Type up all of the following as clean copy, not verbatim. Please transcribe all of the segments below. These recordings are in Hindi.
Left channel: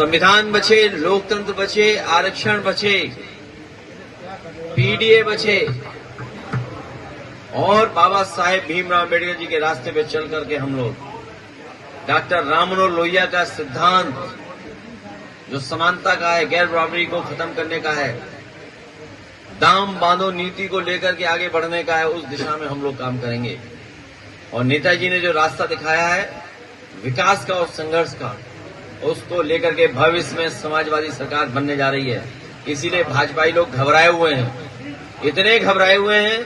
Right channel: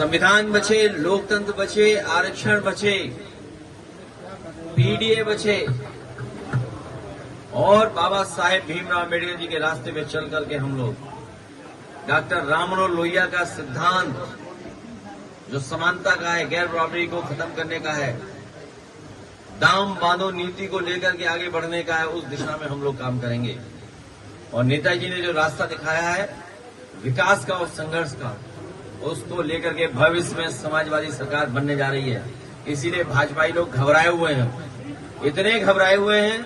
संविधान बचे, लोकतंत्र बचे, आरक्षण बचे, पीडीए बचे और बाबा साहेब भीमराव अम्बेडकर जी के रास्ते पे चल करके हम लोग डॉक्टर राम मनोहर लोहिया का सिद्धांत जो समानता का है, गैर बराबरी को खत्म करने का है, दाम बांधो नीति को लेकर के आगे बढ़ने का है, उस दिशा में हम लोग काम करेंगे। और नेताजी ने जो रास्ता दिखाया है विकास का और संघर्ष का, उसको लेकर के भविष्य में समाजवादी सरकार बनने जा रही है। इसीलिए भाजपाई लोग घबराए हुए हैं, इतने घबराए हुए हैं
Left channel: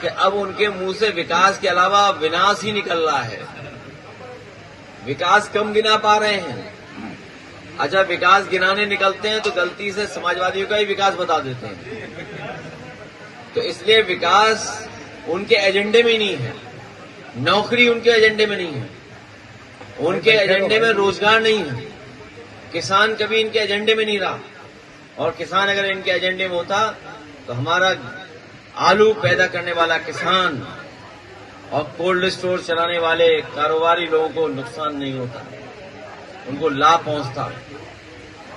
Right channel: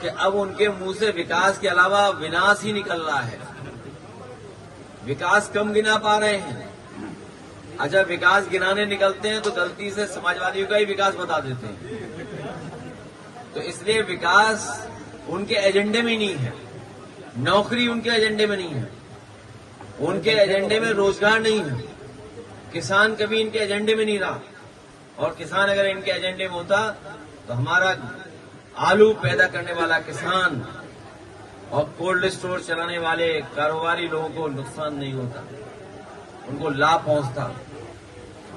कि अब उनके मुंह से विकास के अलावा विनाश ही निकल रहा है। विकास कम गिना पा रहे हैं। अच्छा, विकास गिनाने निकलते हैं तो गलती से समाजवादियों का ही विकास बता देते हैं। तो इसलिए विकास उनके एजेंडे में नहीं है, नौकरी उनके एजेंडे में नहीं है, उनके एजेंडे में रोजगार नहीं है, किसान कभी इनके एजेंडे में नहीं रहा। और किसान अगर इनके एजेंडे में होता तो हमारा आलू पैदा करने वाला किसान और कोल्ड स्टोर चलाने वाले कारोबारी लोगों को नुकसान नहीं होता, उनको लाभ पहुंचता।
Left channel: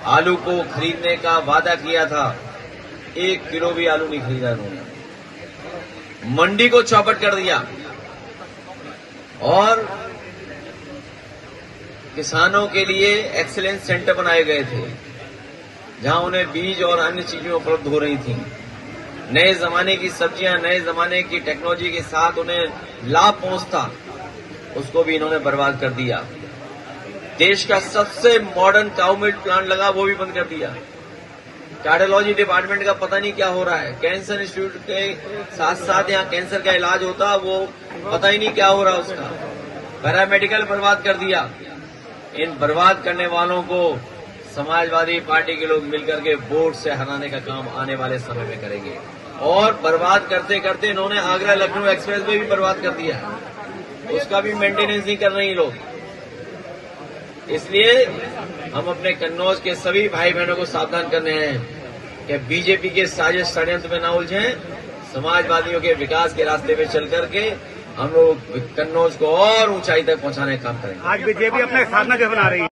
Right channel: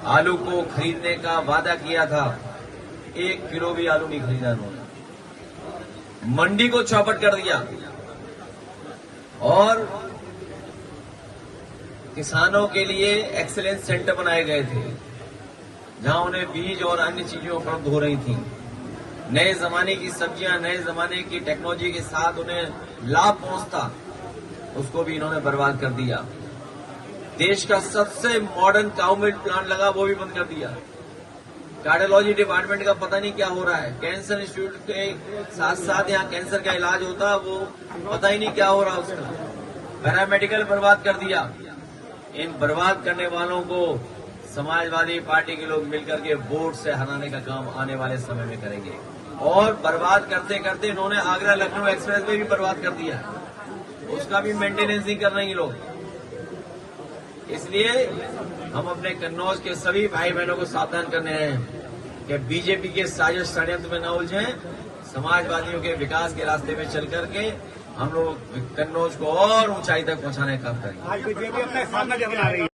आलू को खरीदने का वादा किया था, 1 किलो भी आलू नहीं खरीदा उन्होंने। मंडी को चौपट कर दिया और किसानों के लिए एक्सीलेंस सेंटर बनाए गए थे जहां उन्हें बीज और अन्य चीजें उपलब्ध हो रही थी। नए जमाने की सब्जियां, नए जमाने की टेक्नोलॉजी के साथ उन्हें लाभ पहुंचता, उसको भी इन्होंने बर्बाद कर दिया। देश का सबसे मॉडर्न काउ मिल्क प्लांट लगा, वो भी बंद कर दिया। कार्डियोलॉजी डिपार्टमेंट का पता नहीं क्या हो रहा है। कैंसर इंस्टीट्यूट के साथ साथ यहाँ कैंसर का इलाज होता, वो पता ही नहीं क्या हो रहा उसका। पैरामेडिकल बर्बाद कर दिया। इन बर्बाद करने वालों को समाजवादी पार्टी के लोग मिलकर के वोट से हराने का काम आने वाले समय में करेंगे। और बर्बाद करते करते इन्होंने आगरा लखनऊ एक्सप्रेस वे भी बर्बाद कर दिया है, उसका भी मेंटेनेंस नहीं कर रहे हैं लोग। इसलिए हम अपने कन्नौज के सभी भाई बहनों को सावधान करने हैं कि बीजेपी के साजिश षड्यंत्र में न उलझें। समाजवादियों के विकास के रास्ते पे चल करके हम लोग कन्नौज को और ऊंचाई तक पहुंचाने का काम करेंगे। आज बीजेपी अपने स्थापना दिवस मना रही है।